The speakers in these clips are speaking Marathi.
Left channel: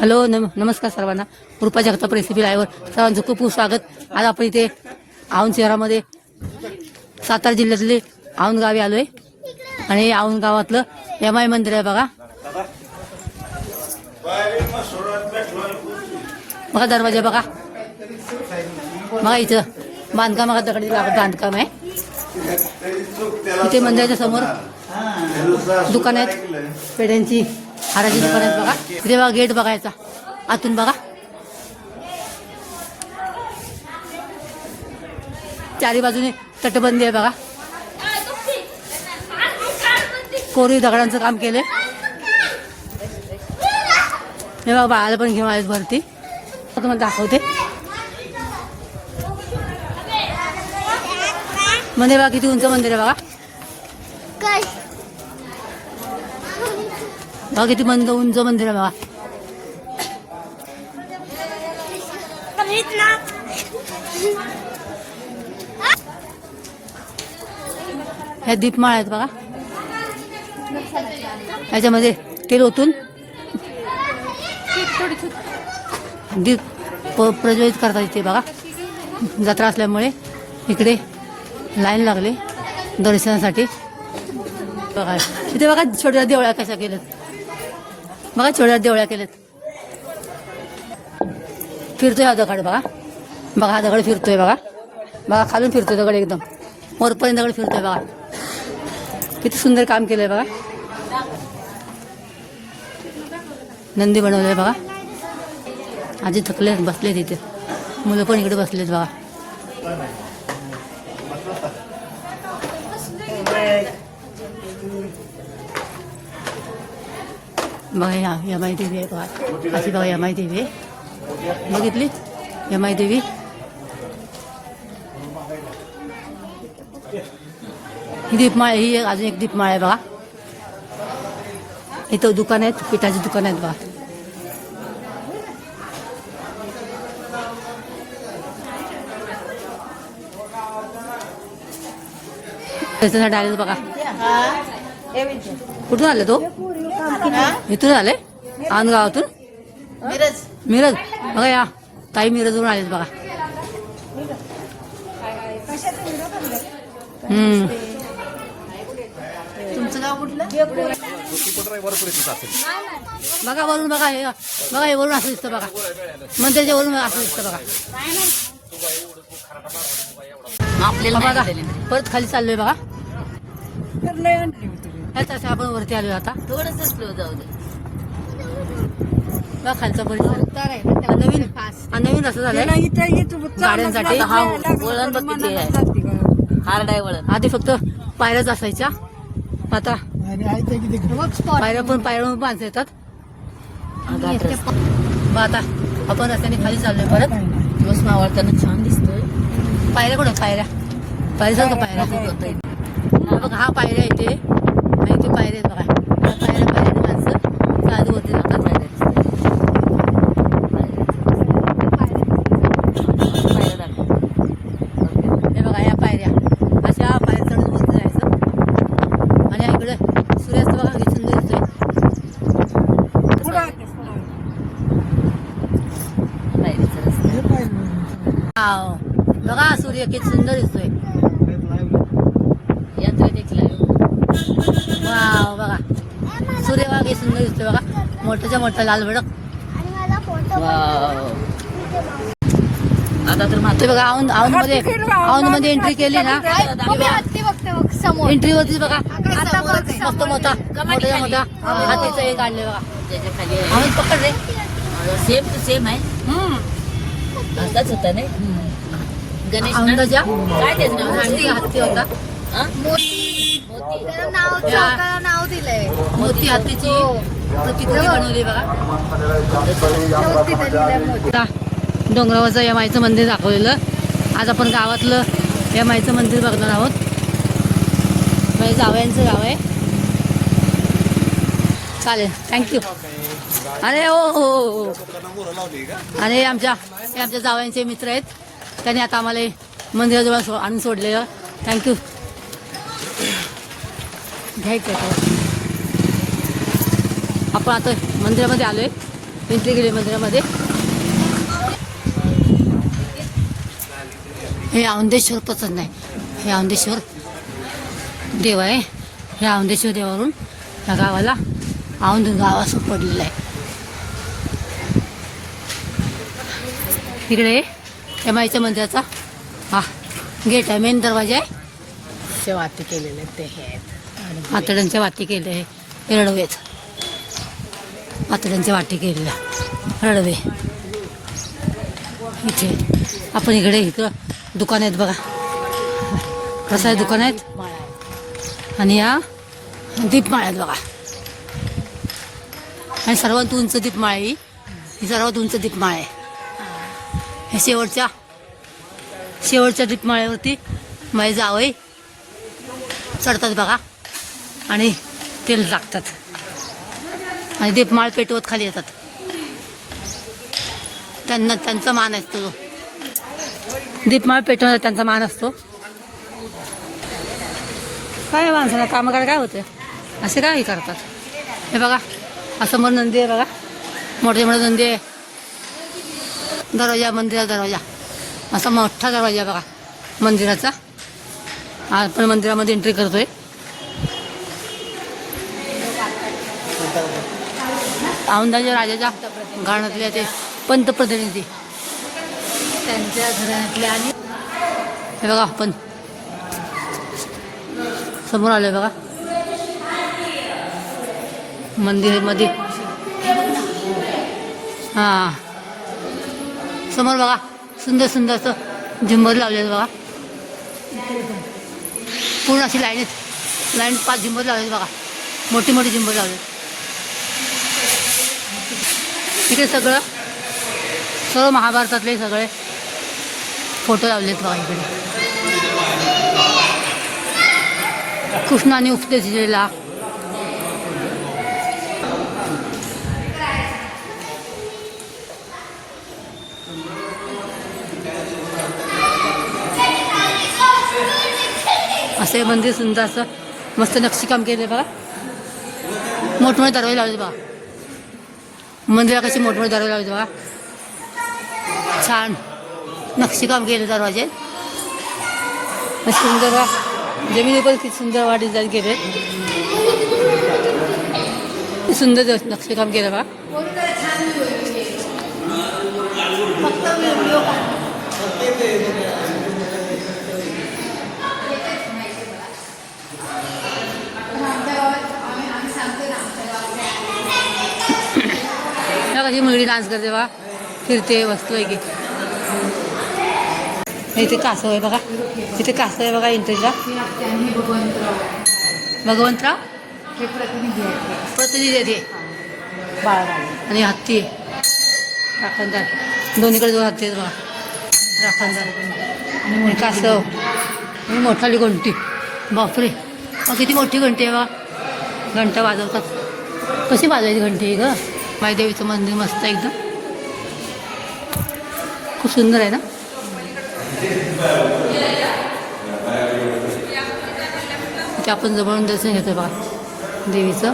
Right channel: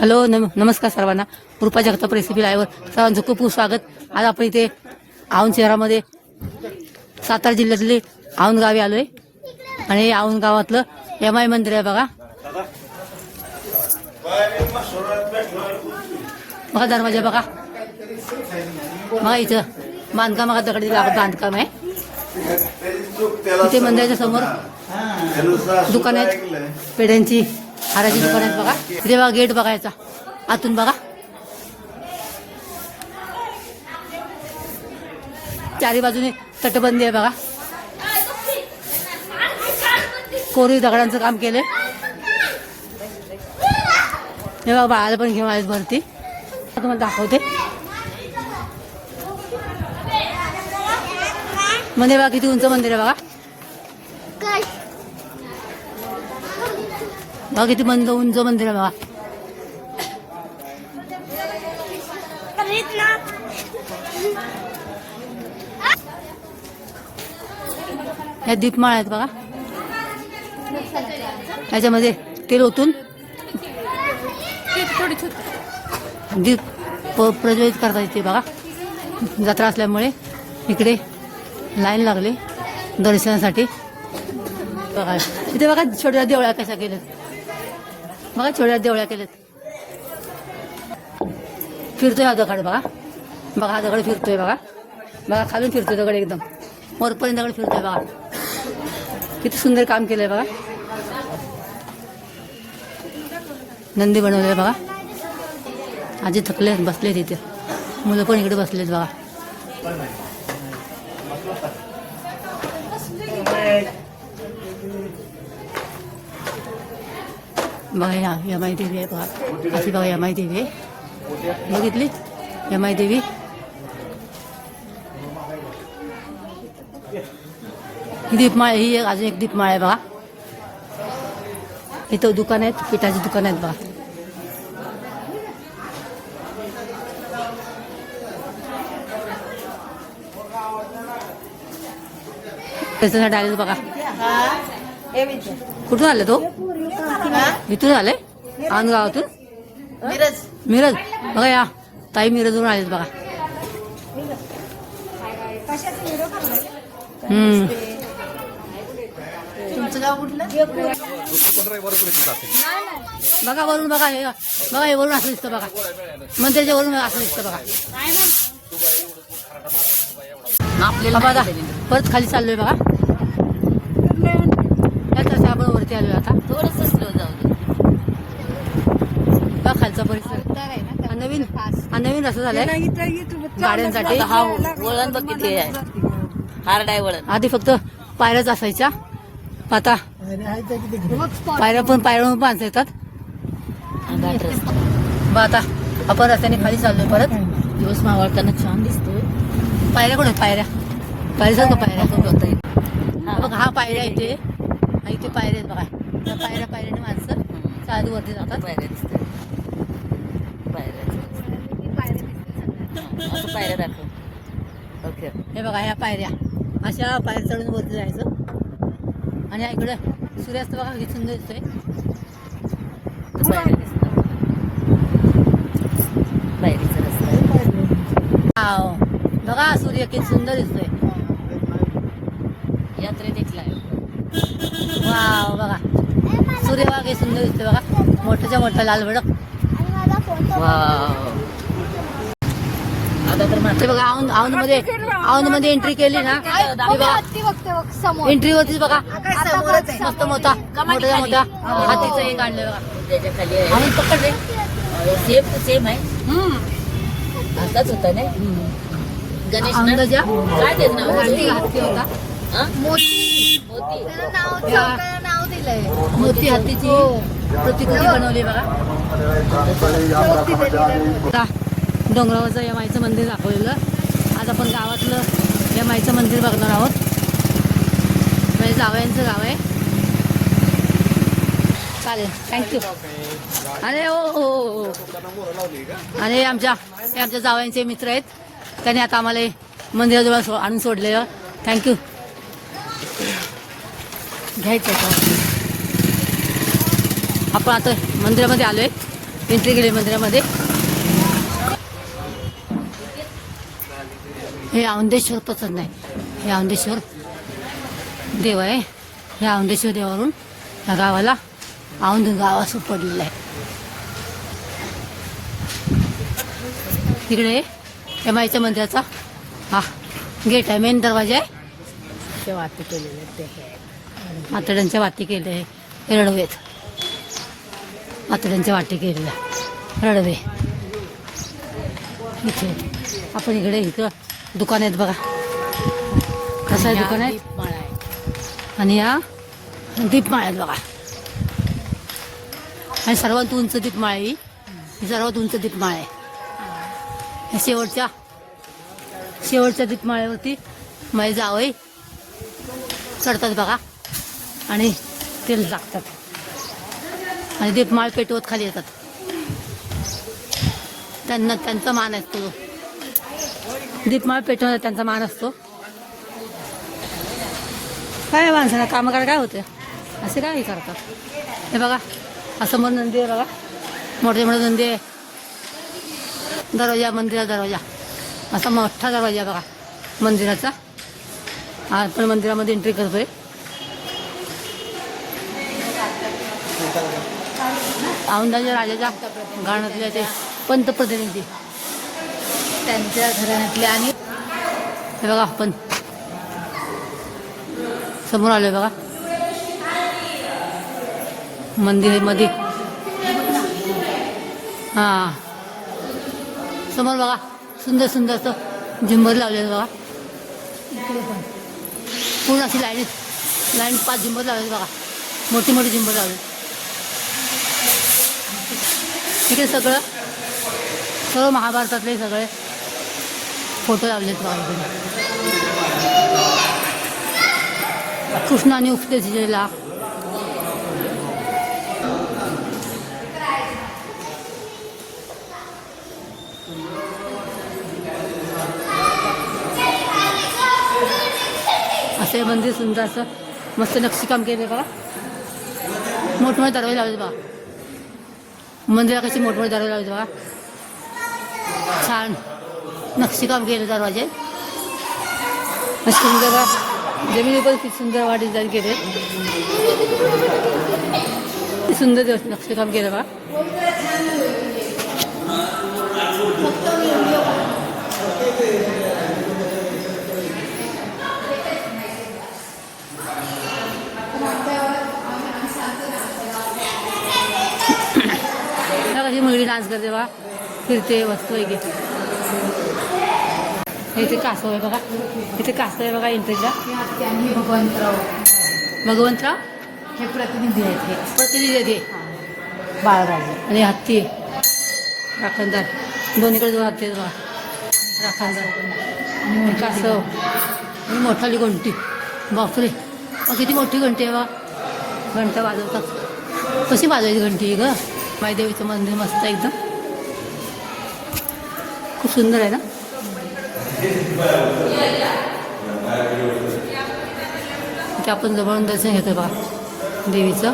हॅलो नमस्कार सर्वांना. कृपा जगताप रेसिपी लाईव्हवर सर्वांचं खूप खूप स्वागत. आज आपण इथे औंध शहरामध्ये सातारा जिल्ह्यातले औंध गावी आलोय आणि औंध गावातलं यमाई मंदिर आहे बघा. बघा दरवाजा बघा. बघा इथं बांधकाम बघा, दगडी बांधकाम आहे. इथे मंदिराच्या समोर दुकान आहेत, पेढ्यांची हाराची दुकान आहेत बघा. इथे बघा गेट बघायचा आतून बघा. चारी बाजूने तटबंदी आहे बघा. कोरीव दगडांचं काम केलंय. हे बघा बाळाला पण घेऊन आहेस भरती. तुम्हाला दाखवते. मंदिर बघा किती उंच मंदिर आहे बघा. बघा किती उंच मंदिर आहे बघा. ह्या दीपमाळ आहेत बघा. त्याच्यामध्ये तेल ओतून दीप प्रज्वलित करतात इथे बघा. जत्रा असल्यामुळे इकडे लाईन लागले दर्शनासाठी बघा. इथे बघा छोट्या देवळ्या कशा केल्यात बघा. छोट्या देवळ्या केल्यात. फिरतोय हा दगड बघा. बघा हा दगड फिरतोय बघा. बघा खालून फिरतोय दगड एकदम वरपर्यंत दगड फिरतोय बघा. किती सुंदर काम केलंय बघा. नंदी बनवलंय बघा. आजी थकलेत बसले तिथे. मुलं पण इकडे बसलेत बघा. बघा यमाई देवी आहे बघा. अशी बघा यमाई देवी आहे. बघितली यमाई देवी. ही दीपमाळ ही अजून एक दीपमाळ आहे बघा. इथं दुकान आहेत, पिठाची दुकान आहेत बघा. त्याच्यासाठी आले बघा. कुठून आले तो? इथून आले औंध गावातून. मिरज बघा. या ताई मिरजवरून आलेत बघा. तुमचं गाव कुठलं? बघा वरून बघा. हे बघा हे वरून असं दिसतं बघा. मंदिरच्या वरून असं दिसतं बघा. आपल्याला बघा परत खाली चाललोय बघा. आपण वरती आलोय आता. थोडंसं स्लो जाऊ दे. बघा खालचा परिसर नवीन रस्ता झालाय गाड्यांसाठी. हा वळण बघ किती आहे. हार्ड आहे वळण. आधी फक्त पायऱ्याच असायच्या. आता पायऱ्या पण बांधता येतात. मग आता आपण रस्त्याने खाली चाललोय परत. दिवस मावळताना छान दिसतोय. पायऱ्या कुठे पायऱ्या पायऱ्यासारखं पायऱ्या होता येईल. बघा हा पायऱ्या इथे आणि इथे पायऱ्या आहेत बघा. पायऱ्याने माणसं चालू होते जातात. पायऱ्या दिसतात. पायऱ्या दाखव. ओके. हे बघा या पायऱ्या अशा पायऱ्या चढून वरती जायचं. आणि इकडे सूर्यास्त बघा किती सुंदर दिसतोय. पायरीचा रस्ता. बघा सूर्य किती सुंदर दिसतोय. यात्रा निघला. वाव बघा सूर्य बघा किती सुंदर दिसतोय बघा. मोठ्याच्या मोठा लाल भडक. आता तर ते बघा औंध मध्ये एंट्री केली ना. एंट्री होती बघा. मस्त मोठा हातीचं एक आणले बघा. त्याच्या खाली आहे. आम्ही पकडले. सेम टू सेम आहे. असाच होता ना गणेश ना? औंधाच्या काय त्याचं नाव? हत्ती होता. हा? मोती. नाव दिलंय. मोती हत्तीची प्रतिकृती बनवली बघा. डोंगरावरचं यमाईचं मंदिर दाखवलेलं. आज आपण गावातलं यमाईचं मंदिर बघणार आहोत. माझ्या जावयांचं गाव आहे. चालेल थँक्यू. अरे हो. आणि आमच्या जावयांचे मित्र आहेत. त्यांनी आता आम्हाला मंदिराजवळ आणून सोडलेलं. थँक्यू. घ्यायचं आपण आता मंदिरामध्ये आलोय. एंट्री केली मंदिरामध्ये. हे औंधेश्वर प्रसन्न आहे. हे औंधेश्वर देव आहे. ह्या औंधेश्वर देवावरून ह्या गावाला औंध गाव असं पडलेलं आहे. तिकडे त्या माईच्या मंदिराचा हा गेट आहे, मेन दरवाजा आहे. ते वाती केलेले ते हे आहेत. आतड्यांच्या वाटी केले आहे. हे रडवे आहेत. आतड्यांच्या वाटी केलेल्या रडवे. इथे आपण इथं दुकान आहेत बघा. कसं आहे दुकान आहेत. आणि या दीपमाळ आहेत बघा. आणि सर्वात उंच दीपमाळ आहे ही सर्वात उंच दीपमाळ आहे. हे शेवटच्या दीपमाळेवरती माई जावई चढतात बघा आणि तेल टाकतात आणि दीपमाळ पेटवत खाली येतात. त्यांचा मान असतो. दीपमाळ पेटवण्याचा त्यांचा मान असतो. काय माणसाला कामं करायला काय होतं, असे काय करतात. हे बघा असं समोर नंदी आहे बघा. मोठे मोठे नंदी आहे. दरवाजा मंदिराचा दरवाजा असा मोठा दरवाजा बघा मंदिराचा. आपण मंदिरामध्ये एंट्री करतोय. औंधाच्या राजाच्या घराण्यातले ते पंतप्रतिनिधी त्यांच्या घरातले आणि हे बघा आपण समोर आलोय बघा मंदिरामध्ये. हां समोर बघा सुंदर सुंदर असं झुंबर लावलेलं बघा. पूर्ण अशी लाईन 5 झुंबर लावले बघा. मोठी मोठी झुंबर लावले. तिथे सर्व महाभारतातले सगळे फोटो लावलेत बघा. इकडे कृष्णाने उपदेश दिलेला. असं मंदिर सुंदर असं मस्त नक्षीकाम केले बघा. मोठमोठे दरवाजे लावले बघा. मंदिरा कशी मोठमोठे दरवाजे लावले बघा. छान नक्षीकाम केले दरवाजे. असे सुंदर बघा. जमिनी पण किती सुंदर डिझाईन केले. सुंदर नक्षीकाम केलं बघा. कशी मुलगी डान्स करते बघा. फिरते वस्तू आहे की. इथे कासव आहे बघा. इथे कासव आहे बघा एंट्रीला. भगवंतराव हे प्रतिनिधी प्रतिनिधी बाळराजे आणि हत्ती राखणदार. दोन्हीकडे 2 हत्ती आहेत बघा. राखणदार आणि कासव आणि मोठाली घंटी. बापरे किती मोठी घंटी आहे बा. घंटा वाजवतात. कशी वाजवायची घंटी आहे ग. मायदेवीचं मंदिर मस्त एकदम खूप सुंदर आहे ना. इथे आपण जवळून दर्शन घेतो बघा देवीचं.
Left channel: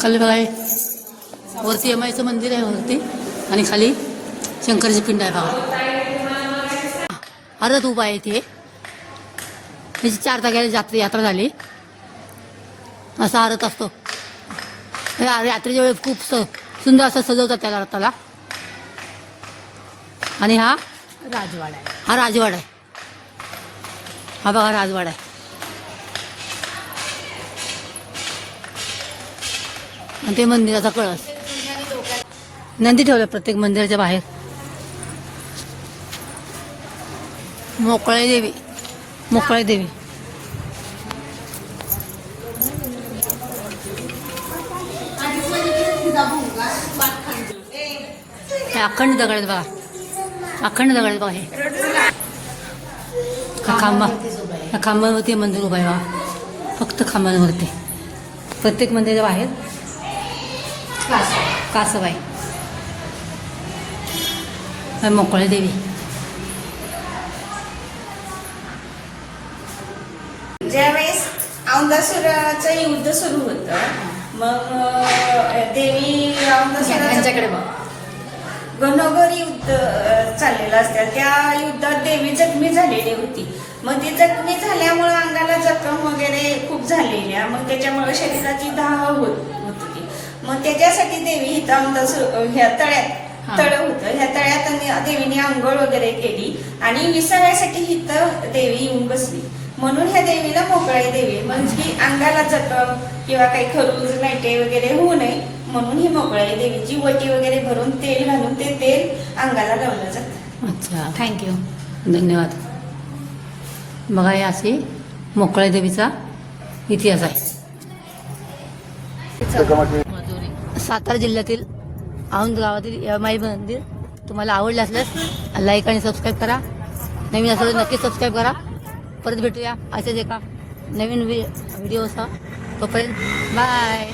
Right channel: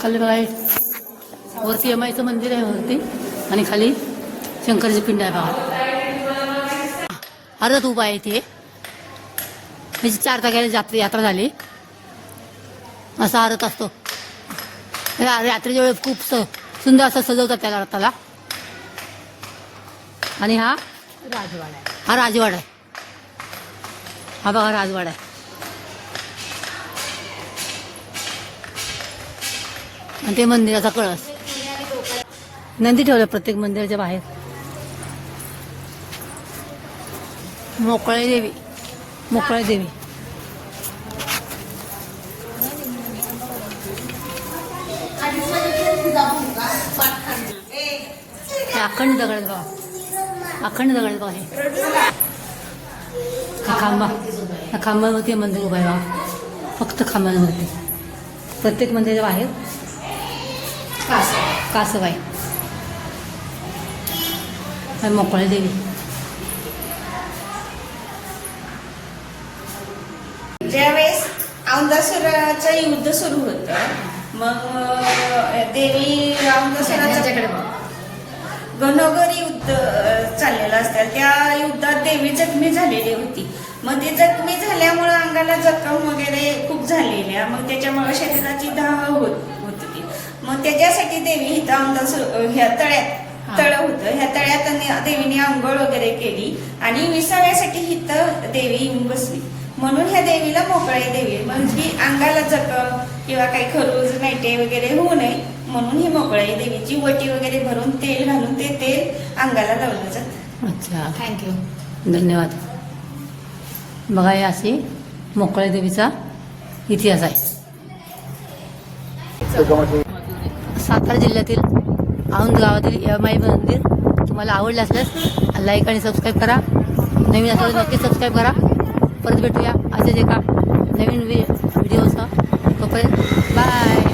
खाली बघा वरती यमाईचं मंदिर आहे वरती आणि खाली शंकराची पिंड आहे बघा. हरत उभा आहे इथे. त्याची 4 तारखेला यात्रा झाली. असा हरत असतो. यात्रेच्या वेळेस खूप सुंदर असं सजवतात त्याला रथाला. आणि हा राजवाडा आहे. हा राजवाडा आहे. हा बघा राजवाडा आहे. आणि ते मंदिराचा कळस. नंदी ठेवला प्रत्येक मंदिराच्या बाहेर. मोकळे देवी. मोकळे देवी हे अखंड दगड आहेत बघा. अखंड दगड आहेत बघा. हे खांबा. या खांबावरती मंदिर उभं आहे बघा. फक्त खांबावरती. प्रत्येक मंदिराच्या बाहेर कासव आहे. मोकळे देवी. ज्यावेळेस औंधा औंधासुराचं युद्ध सुरू होतं. मग देवी औंधासुराचं घनोघरी युद्ध चाललेलं असतं. त्या युद्धात देवी जखमी झालेली होती. मग ती जखमी झाल्यामुळे अंगाला जखम वगैरे खूप झालेल्या, मग त्याच्यामुळे शरीराची धाव होत होती. मग त्याच्यासाठी देवी इथं ह्या तळ्यात तळ होतं, ह्या तळ्यात देवीने आंघोळ वगैरे केली आणि विसाव्यासाठी इथं देवी येऊन बसली. म्हणून ह्या देवीला मोकळाई देवी, म्हणजे अंगाला जखम किंवा काही खरूज नाईटे वगैरे होऊ नये म्हणून ही मोकळाई देवीची वटी वगैरे भरून तेल घालून ते तेल अंगाला लावलं जातं. अच्छा, थँक्यू, धन्यवाद. बघा, हे अशी मोकळे देवीचा इतिहास आहे. सातारा जिल्ह्यातील औंध गावातील यमाई मंदिर तुम्हाला आवडलं असल्यास लाईक आणि सबस्क्राईब करा. नवीन असेल तर नक्की सबस्क्राईब करा. परत भेटूया अशाच एका नवीन व्हिडिओसह. तोपर्यंत बाय.